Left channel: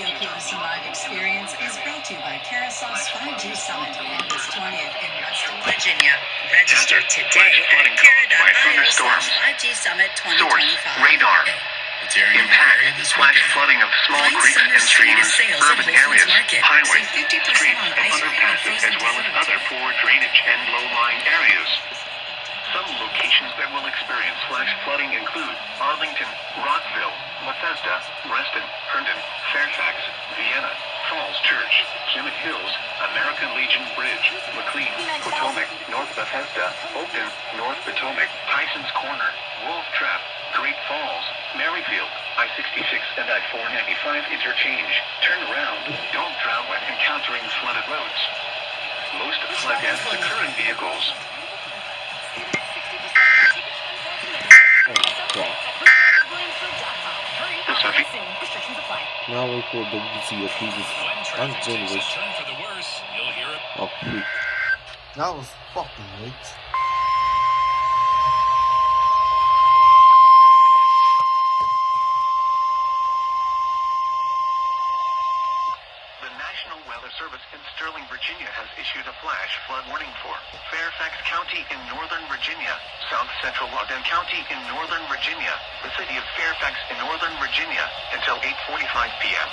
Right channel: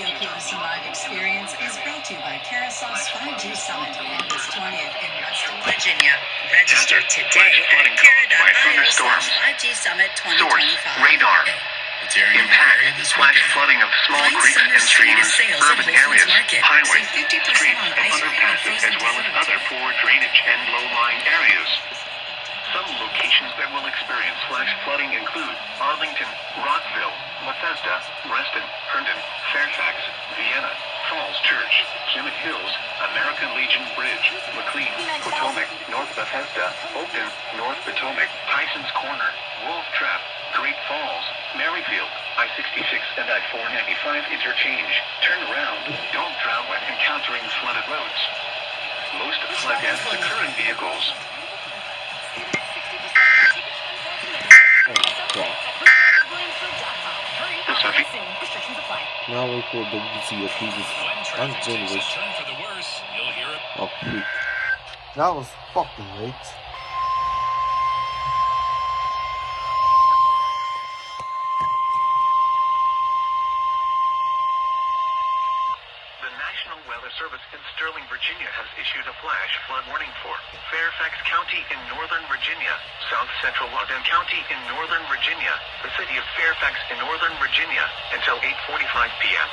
GeoPLC Live experience is brought to you by Carousel's 5G Summit, August 20th in West Virginia. Register today at Cara.io/5G Summit 2025. Source, radar. Impact, flash flooding of small creeks and streams, urban areas, highways, streets, and underpasses, as well as other poor drainage and low-lying areas. Some locations that will experience flash flooding include Arlington, Rockville, Bethesda, Reston, Herndon, Fairfax, Vienna, Falls Church, Summit Hills, American Legion Bridge, McLean, Potomac, North Bethesda, Oakton, North Potomac, Tyson's Corner, Wolf Trap, Great Falls, Maryfield, I-66 and I-495 interchange. Turn around. Don't drown when encountering flooded roads. Most flood deaths occur in vehicles. Now we for the easier pieces and generation. Oh, freak. That was fucking late. The National Weather Service in Sterling, Virginia has issued a flash flood warning for Fairfax County in northern Virginia, South Central Loudoun County in northern Virginia, the city of Fairfax in northern Virginia, until 8:45 p.m.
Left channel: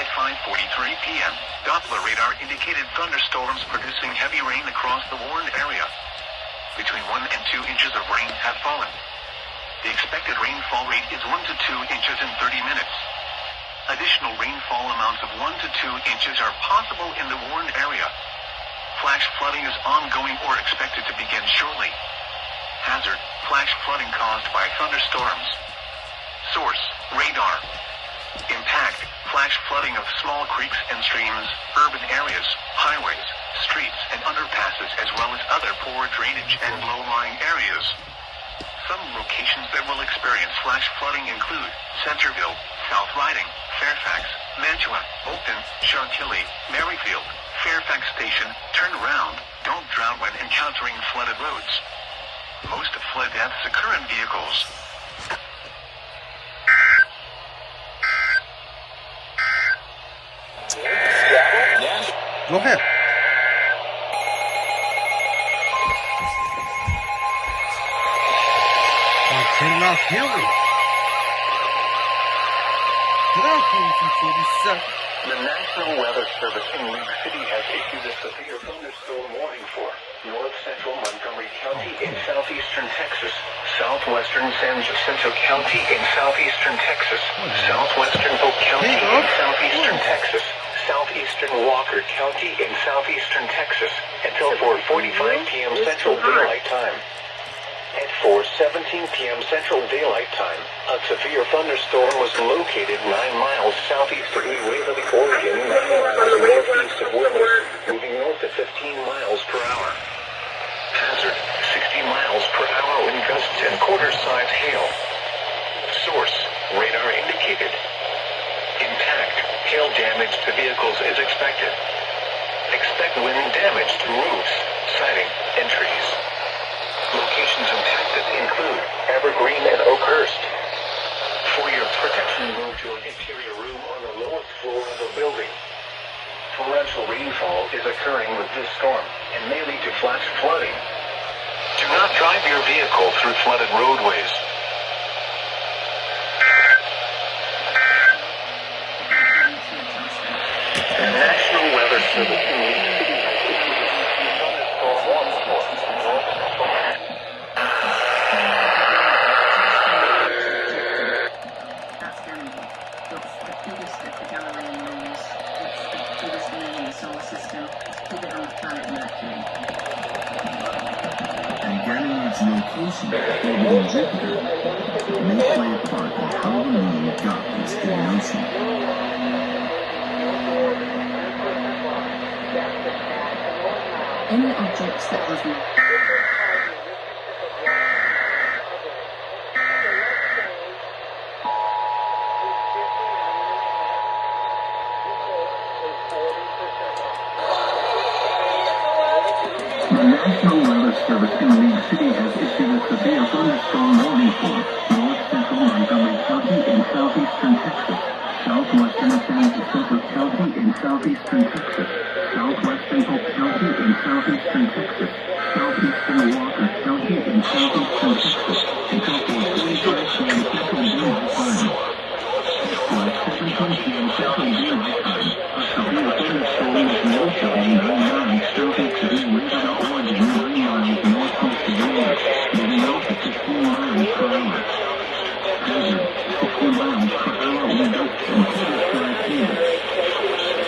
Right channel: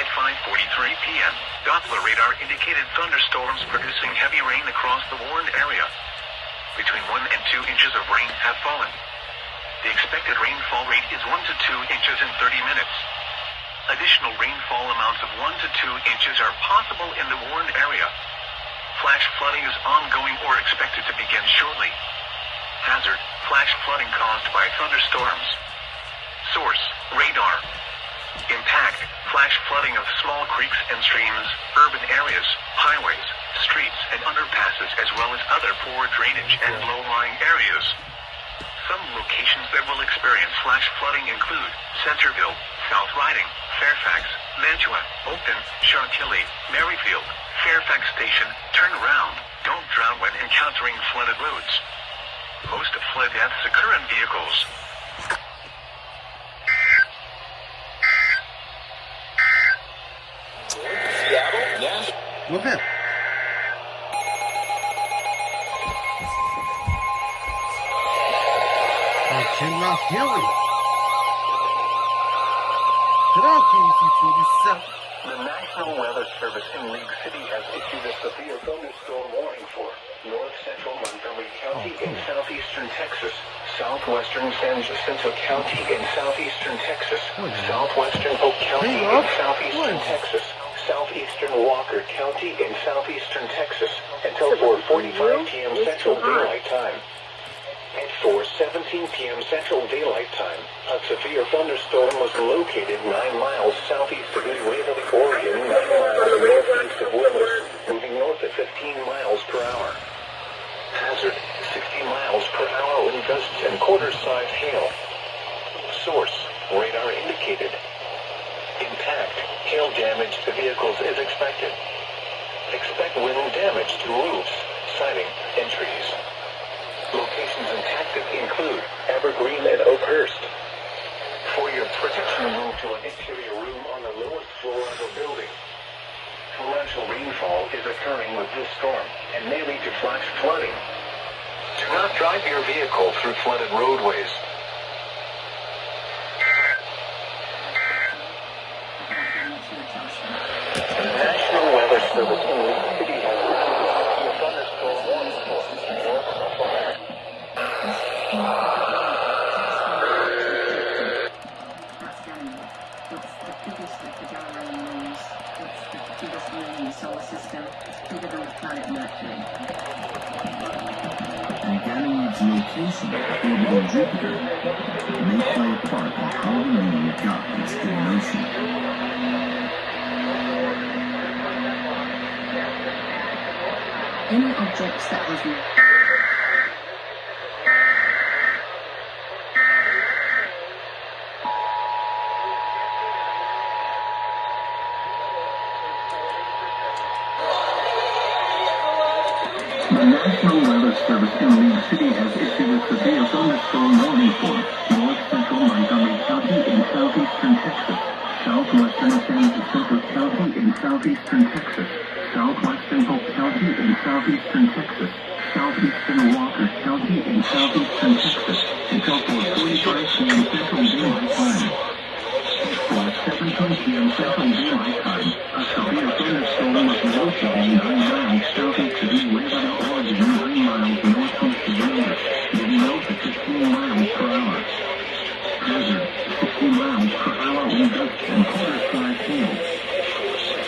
At 5:43 p.m., Doppler radar indicated thunderstorms producing heavy rain across the warned area. Between 1 and 2 inches of rain have fallen. The expected rainfall rate is 1 to 2 inches in 30 minutes. Additional rainfall amounts of 1 to 2 inches are possible in the warned area. Flash flooding is ongoing or expected to begin shortly. Hazard, flash flooding caused by thunderstorms. Source, radar. Impact, flash flooding of small creeks and streams, urban areas, highways, streets and underpasses, as well as other poor drainage and low-lying areas. Some locations that will experience flash flooding include Centerville, South Riding, Fairfax, Mantua, Oakton, Chantilly, Maryfield, Fairfax Station. Turn around. Don't drown when encountering flooded roads. Most flood deaths occur in vehicles. Go ahead. I cannot hear it. The National Weather Service in League City has issued a severe thunderstorm warning for north central Montgomery County in southeastern Texas, southwestern San Jacinto County in southeastern Texas, southwestern Oak County in southeastern Texas, southeastern Walker County in southeastern Texas, until 4:45 p.m. Central Daylight Time. At 4:17 p.m. Central Daylight Time, a severe thunderstorm was located 9 miles southeast of Waverly, Oregon, 9 miles northeast of Willis, moving north at 15 miles per hour. Hazard, 60 miles per hour wind gusts and quarter-size hail. Source, radar indicated. Impact, hail damage to vehicles is expected. Expect wind damage to roofs, siding, and trees. Locations impacted include Evergreen and Oakhurst. For your protection, move to an interior room on the lowest floor of the building. Torrential rainfall is occurring with this storm and may lead to flash flooding. Do not drive your vehicle through flooded roadways. The National Weather Service in League City has issued a thunderstorm warning for north central Geocaching orbiting Jupiter may play a part in how the moon got its hidden ocean. Any objects that has no The National Weather Service in League City has issued a severe thunderstorm warning for north central Montgomery County in southeastern Texas, southwestern San Jacinto County in southeastern Texas, southwestern Polk County in southeastern Texas, southeastern Walker County in southeastern Texas, until 4:45 p.m. Central Daylight Time. At 7:10 p.m. Central Daylight Time, a severe thunderstorm with winds of 9 miles southeast of Waverly, Oregon, 9 miles northeast of Raleigh, moving north at 15 miles per hour. Hazard, 60 miles per hour wind gusts and quarter-size hail.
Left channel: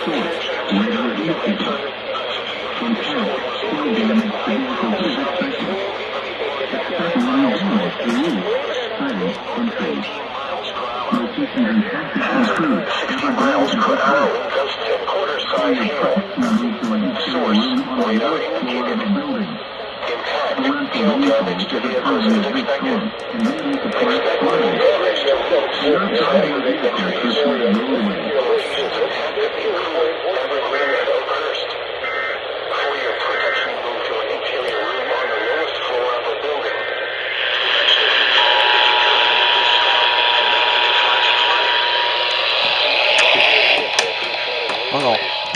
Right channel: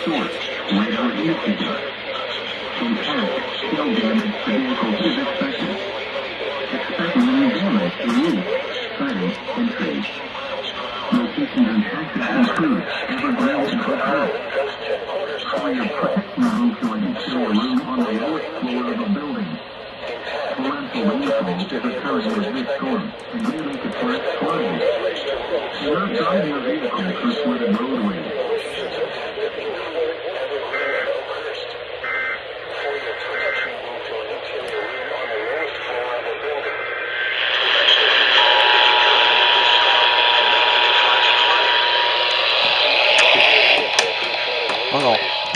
Source, radar indicator. Impact, hail damage to vehicles is expected. Expect wind damage to roofs, siding, and trees. Locations and sectors include Everglades and Hotel. Fire protection moves to an interior room on the lowest floor of a building. Torrential rainfall is occurring with this storm and may make a flash flooding. Do not drive your vehicle through flooded roadways. Fire protection move to an interior room on the lowest floor of a building.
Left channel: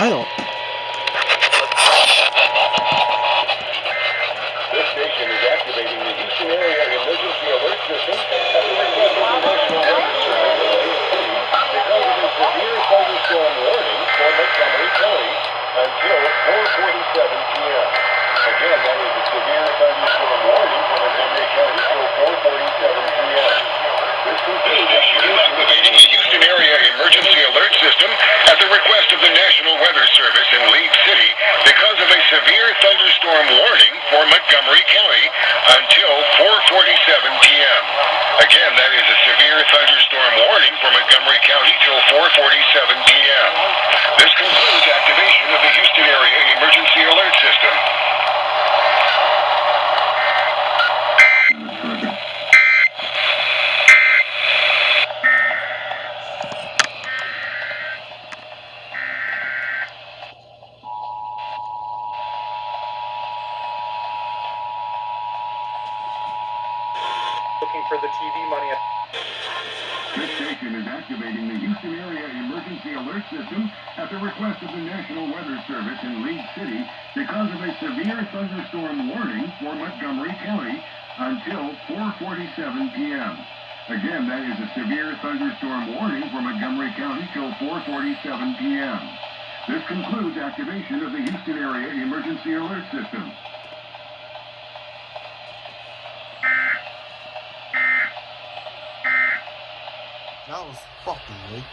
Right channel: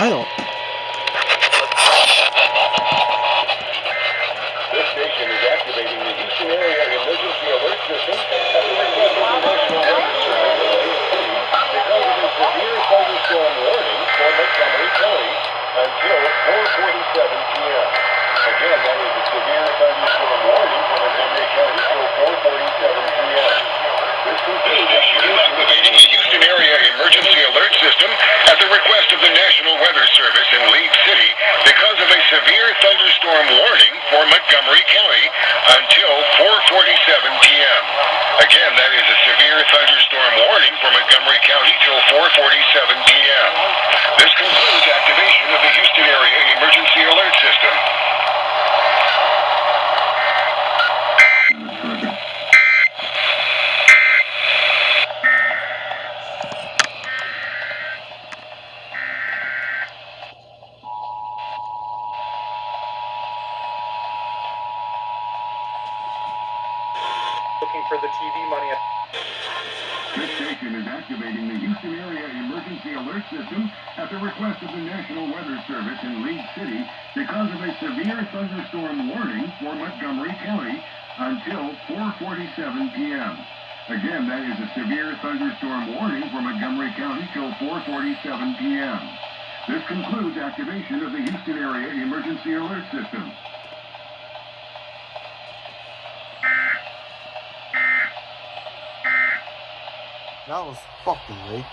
I don't. This station is activating the Houston Area Emergency Alert System at the request of the National Weather Service because of a severe thunderstorm warning for Montgomery County until 4:47 p.m. Again, that is a severe thunderstorm warning for Montgomery County till 4:47 p.m. This station is activating the Houston Area Emergency Alert System at the request of the National Weather Service in Leeds City because of a severe thunderstorm warning for Montgomery County until 4:47 p.m. Again, that is a severe thunderstorm warning for Montgomery County till 4:47 p.m. This concludes activation of the Houston Area Emergency Alert System. Looking for the TV money. This station is activating the Houston Area Emergency Alert System at the request of the National Weather Service in Leeds City because of a severe thunderstorm warning for Montgomery County until 4:47 p.m. Again, that is a severe thunderstorm warning for Montgomery County till 4:47 p.m. This concludes activation of the Houston Area Emergency Alert System. That was fucking late.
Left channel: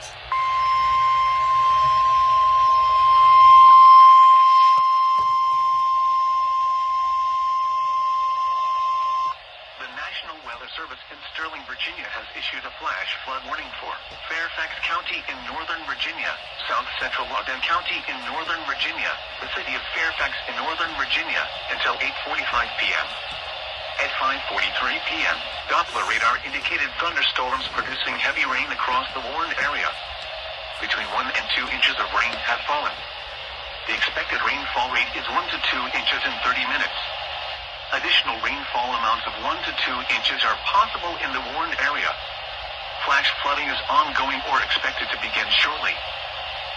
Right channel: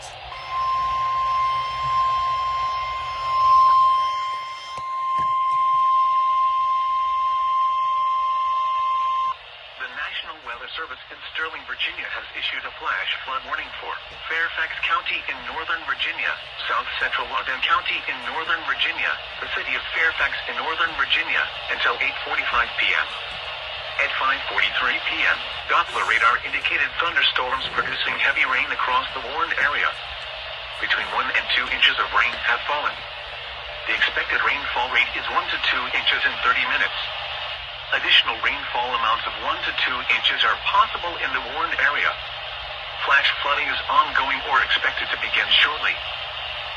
The National Weather Service in Sterling, Virginia has issued a flash flood warning for Fairfax County in northern Virginia, South Central Loudoun County in northern Virginia, the city of Fairfax in northern Virginia, until 8:45 p.m. At 5:43 p.m., Doppler radar indicated thunderstorms producing heavy rain across the warned area. Between 1 and 2 inches of rain have fallen. The expected rainfall rate is 1 to 2 inches in 30 minutes. Additional rainfall amounts of 1 to 2 inches are possible in the warned area. Flash flooding is ongoing or expected to begin shortly.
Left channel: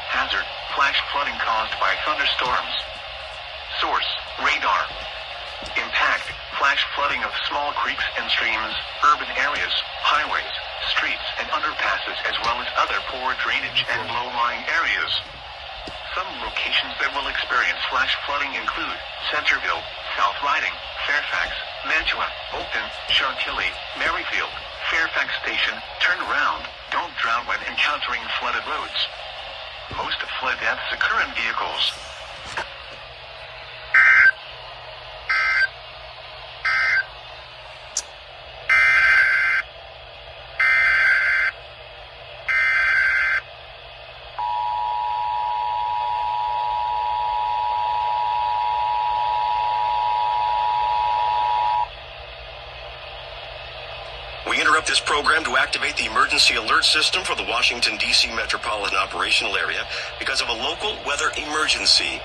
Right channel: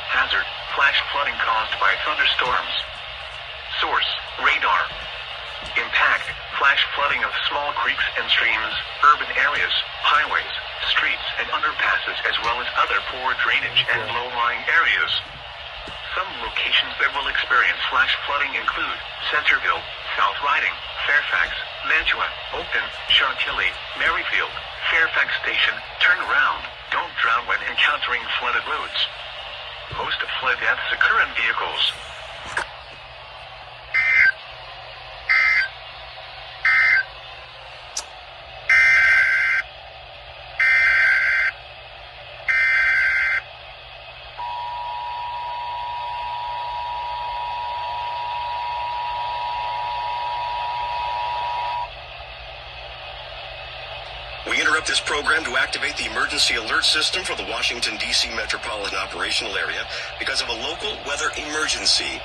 Hazard, flash flooding caused by thunderstorms. Source, radar. Impact, flash flooding of small creeks and streams, urban areas, highways, streets and underpasses as well as other poor drainage and low-lying areas. Some locations that will experience flash flooding include Centerville, South Riding, Fairfax, Mantua, Oakton, Chantilly, Maryfield, Fairfax Station. Turn around, don't drown when encountering flooded roads. Most flood deaths occur in vehicles. We interrupt this program to activate the emergency alert system for the Washington, D.C. metropolitan operational area because of a local weather emergency.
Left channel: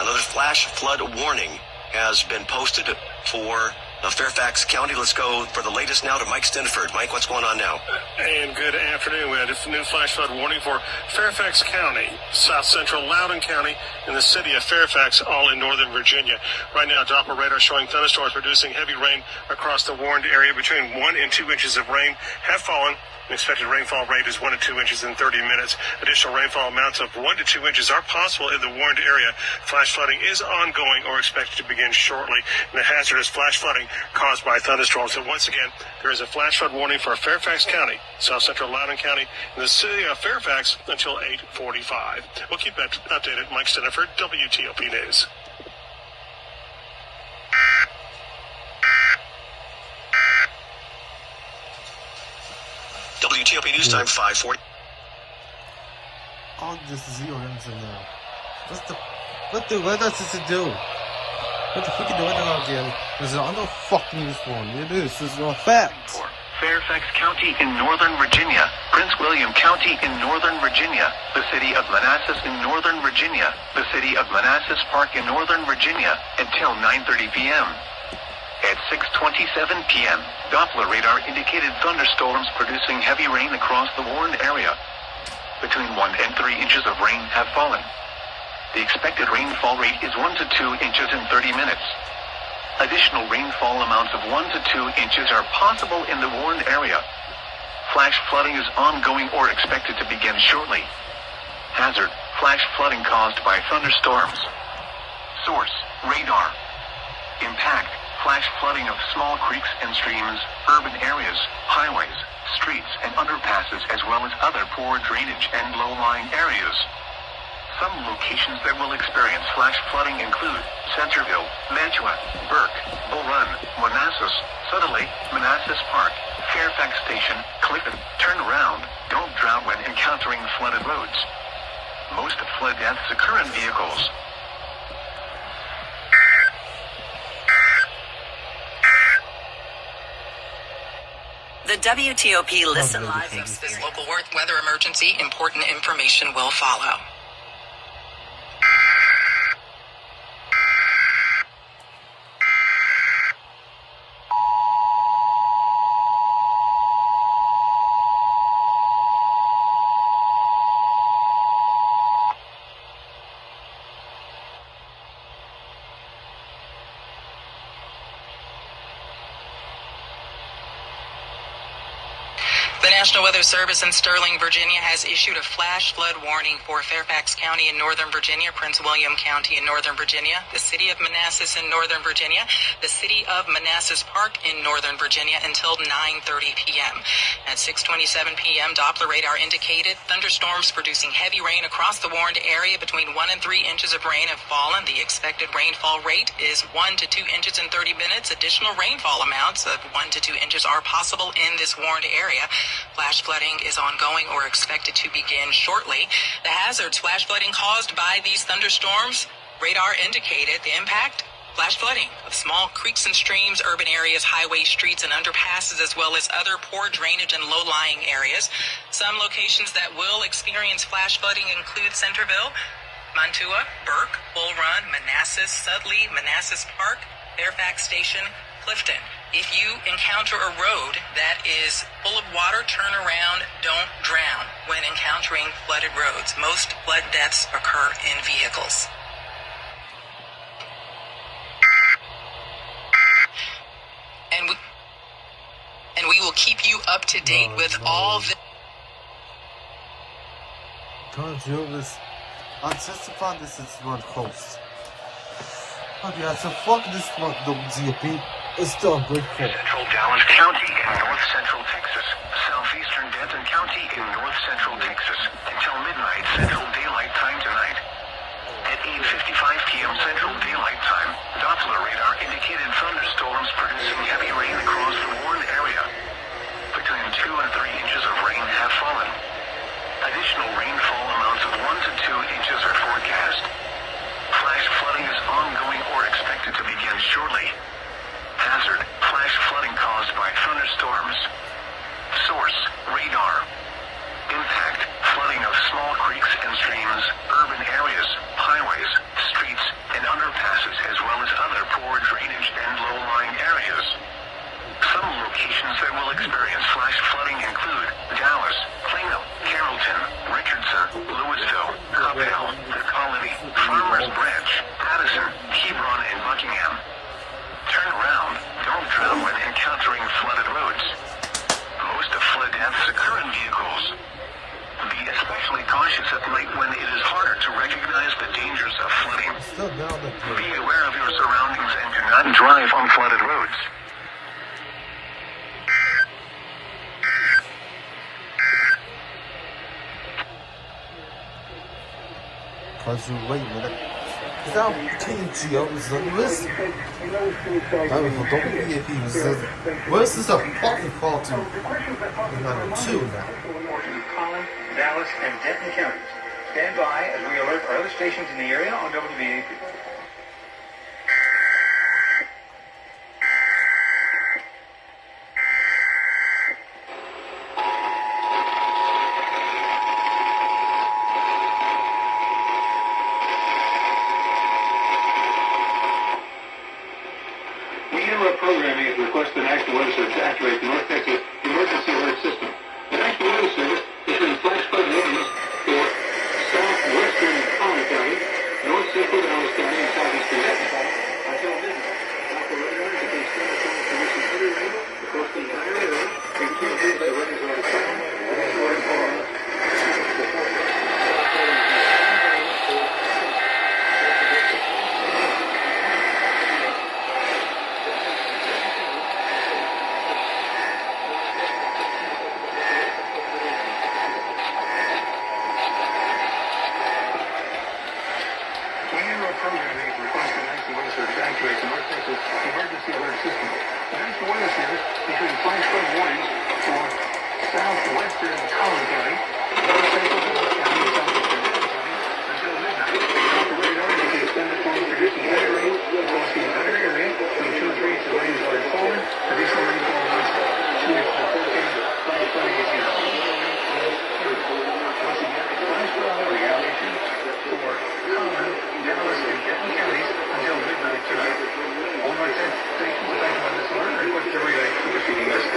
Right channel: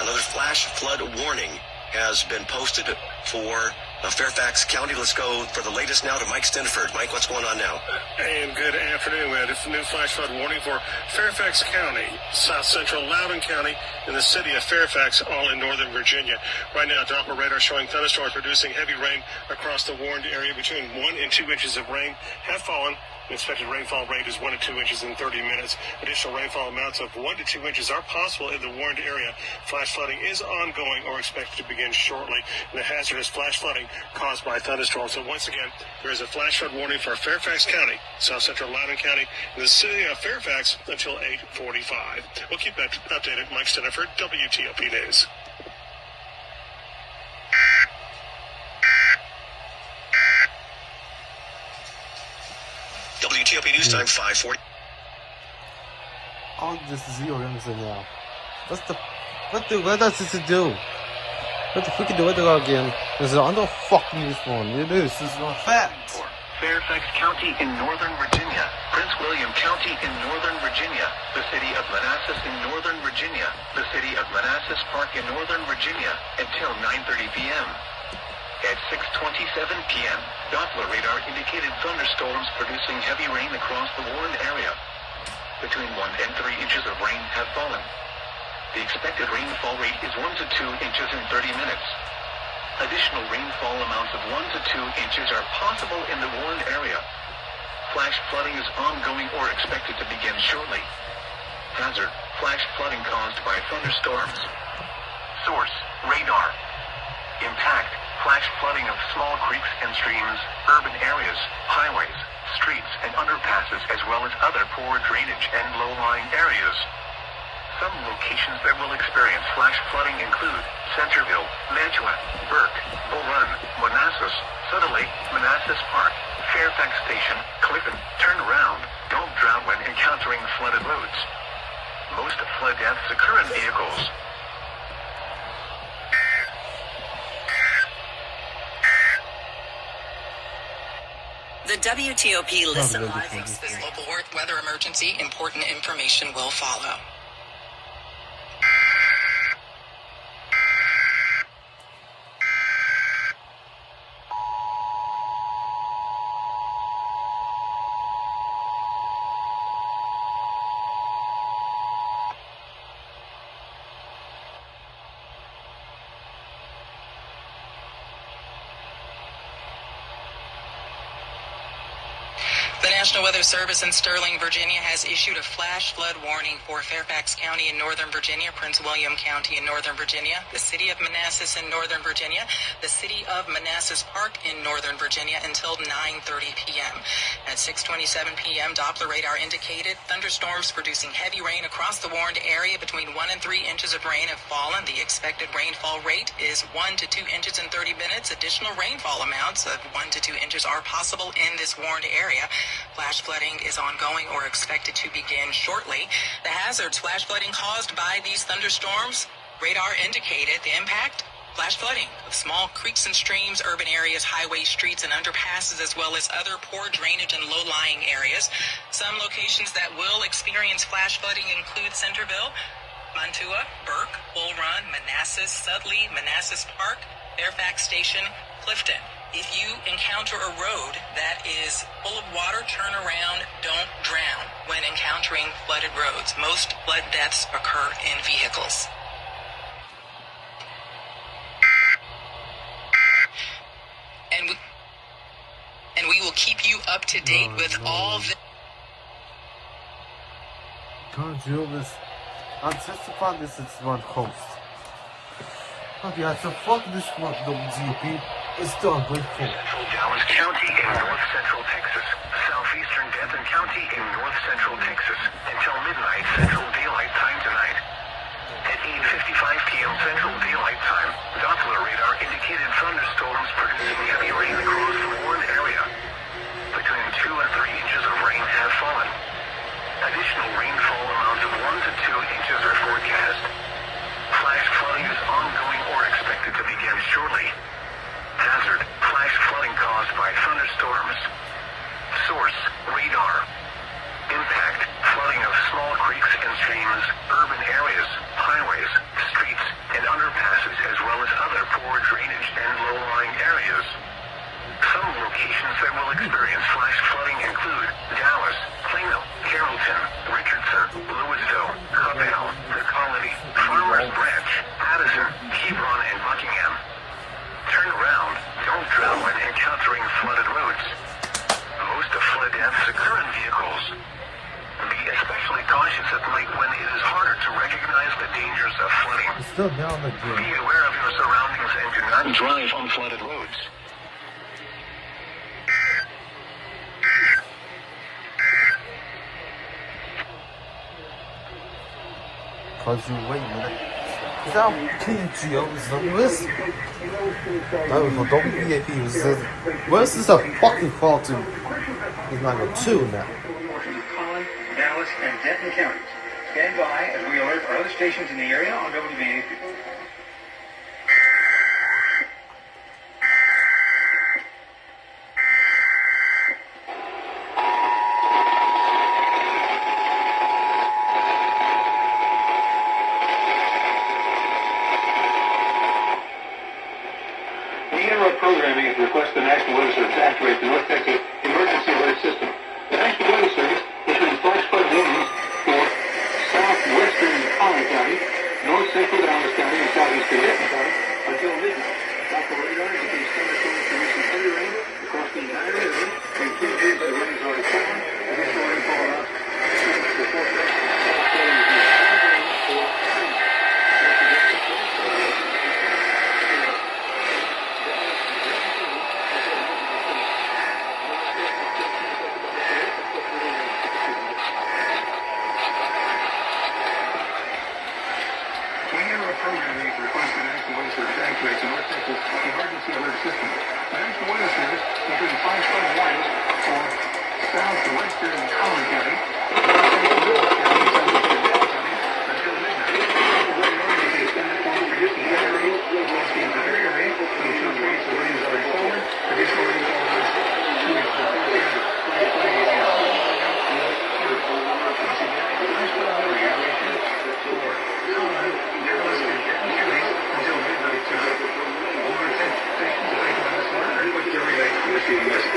Another flash flood warning has been posted for Fairfax County. Let's go for the latest now to Mike Stiniford. Mike, what's going on now? And good afternoon. We had a new flash flood warning for Fairfax County, South Central Loudoun County, and the city of Fairfax, all in northern Virginia. Right now, Doppler radar showing thunderstorms producing heavy rain across the warned area. Between 1 and 2 inches of rain have fallen. The expected rainfall rate is 1 to 2 inches in 30 minutes. Additional rainfall amounts of 1 to 2 inches are possible in the warned area. Flash flooding is ongoing or expected to begin shortly. And the hazardous flash flooding caused by thunderstorms. So once again, there is a flash flood warning for Fairfax County, South Central Loudoun County, and the city of Fairfax until 8:45. We'll keep that updated. Mike Stiniford, WTOP News. WTOP News Time 5:40. All this is reorganizing now. What does this do? What the freaking do it again? This is on the fucking this one. This is a fact. Fairfax County in northern Virginia, Prince William County in northern Virginia, the city of Manassas in northern Virginia, the city of Manassas Park in northern Virginia, until 9:30 p.m. At 6:27 p.m., Doppler radar indicated thunderstorms producing heavy rain across the warned area. Between 1 and 3 inches of rain have fallen. The expected rainfall rate is 1 to 2 inches in 30 minutes. Additional rainfall amounts of 1 to 2 inches are possible in the warned area. Flash flooding is ongoing or expected to begin shortly. Hazard: flash flooding caused by thunderstorms. Source: radar. Impact: flash flooding of small creeks and streams, urban areas, highways, streets, and underpasses, as well as other poor drainage and low-lying areas. Some locations that will experience flash flooding include Centerville, Mantua, Burke, Bull Run, Manassas, Sutter Lake, Manassas Park, Fairfax Station, Clifton. Turn around. Don't drown when encountering flooded roads. Most flood deaths occur in vehicles. The WTOP Listen Live hosts this local weather emergency. Important information will follow. The National Weather Service in Sterling, Virginia has issued a flash flood warning for Fairfax County in northern Virginia, Prince William County in northern Virginia, the city of Manassas in northern Virginia, the city of Manassas Park in northern Virginia until 9:30 p.m. At 6:27 p.m., Doppler radar indicated thunderstorms producing heavy rain across the warned area. Between 1 and 3 inches of rain have fallen. The expected rainfall rate is 1 to 2 inches in 30 minutes. Additional rainfall amounts of 1 to 2 inches are possible in this warned area. Flash flooding is ongoing or expected to begin shortly. The hazards flash flooding caused by these thunderstorms, radar indicated the impact. Flash flooding of small creeks and streams, urban areas, highways, streets, and underpasses, as well as other poor drainage and low-lying areas. Some locations that will experience flash flooding include Centerville, Mantua, Burke, Bull Run, Manassas, Sudley, Manassas Park, Fairfax Station, Clifton. If you encounter a road that is full of water, turn around, don't drown when encountering flooded roads. Most flood deaths occur in vehicles. And we will keep you up to date with all the... Can't do this. I'll testify this is one host. Okay, so fuck this one, WGP. It's still ungrateful. Central Dallas County in north central Texas, southeastern Denton County in north central Texas, until midnight Central Daylight Time tonight. At 8:55 p.m. Central Daylight Time, Doppler radar indicated thunderstorms producing heavy rain across the warned area. Between 2 and 3 inches of rain have fallen. Additional rainfall amounts of 1 to 2 inches are forecast. Flash flooding is ongoing or expected to begin shortly. Hazard: flash flooding caused by thunderstorms. Source: radar. Impact: flooding of small creeks and streams, urban areas, highways, streets, and underpasses, as well as other poor drainage and low-lying areas. drive on flooded roads. Cause you wait a minute. Is that KGO is the list? That was a WEAP. Where's this a fucking call to? It's not a 2 now. Collin, Dallas, and Denton counties. Stand by as we alert our other stations in the area on WBAP. We interrupt programming at the request of the National Weather Service to activate the North Texas Emergency Alert System. The National Weather Service issuing flash flood warnings for southwestern Collin County, north central Dallas County, and southeastern Denton County until midnight. Operators can extend the permission heavy rain across the entire area, and preview by running over time with a story for programming to request the National Weather Service to activate the North Texas Emergency Alert System. The National Weather Service issuing flash flood warnings for southwestern Collin County, north central Dallas County, and southeastern Denton County until midnight. Operators can extend the time producing heavy rain across the entire area, and include rates as late as already forward. Additional rainfall amounts to 2 inches per forecast. Flash flood will be flash flood warning now issued for Collin, Dallas, and Denton counties until midnight tonight. All our stations affected by this alert request your relay to the receiving list.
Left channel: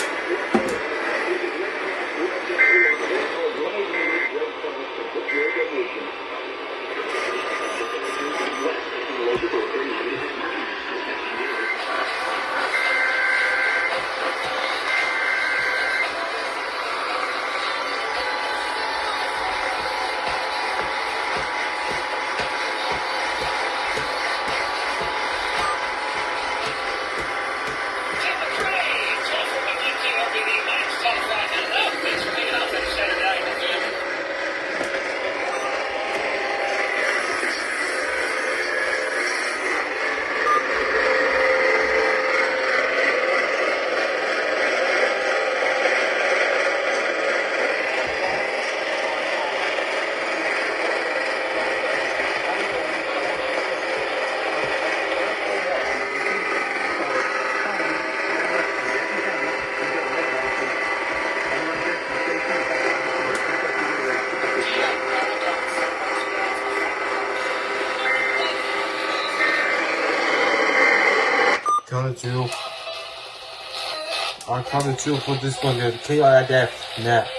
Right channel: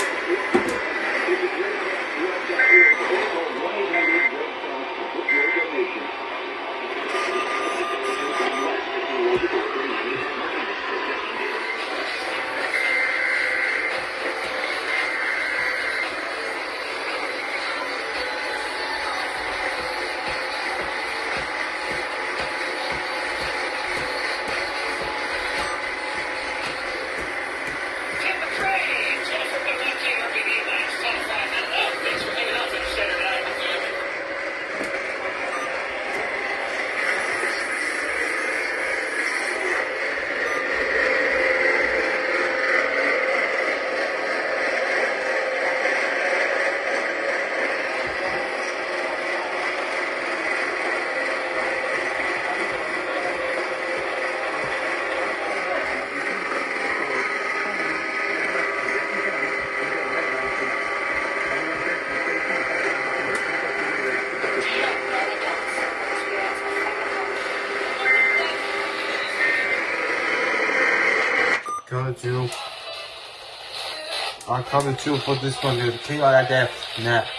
I counted you for this one, KIF net.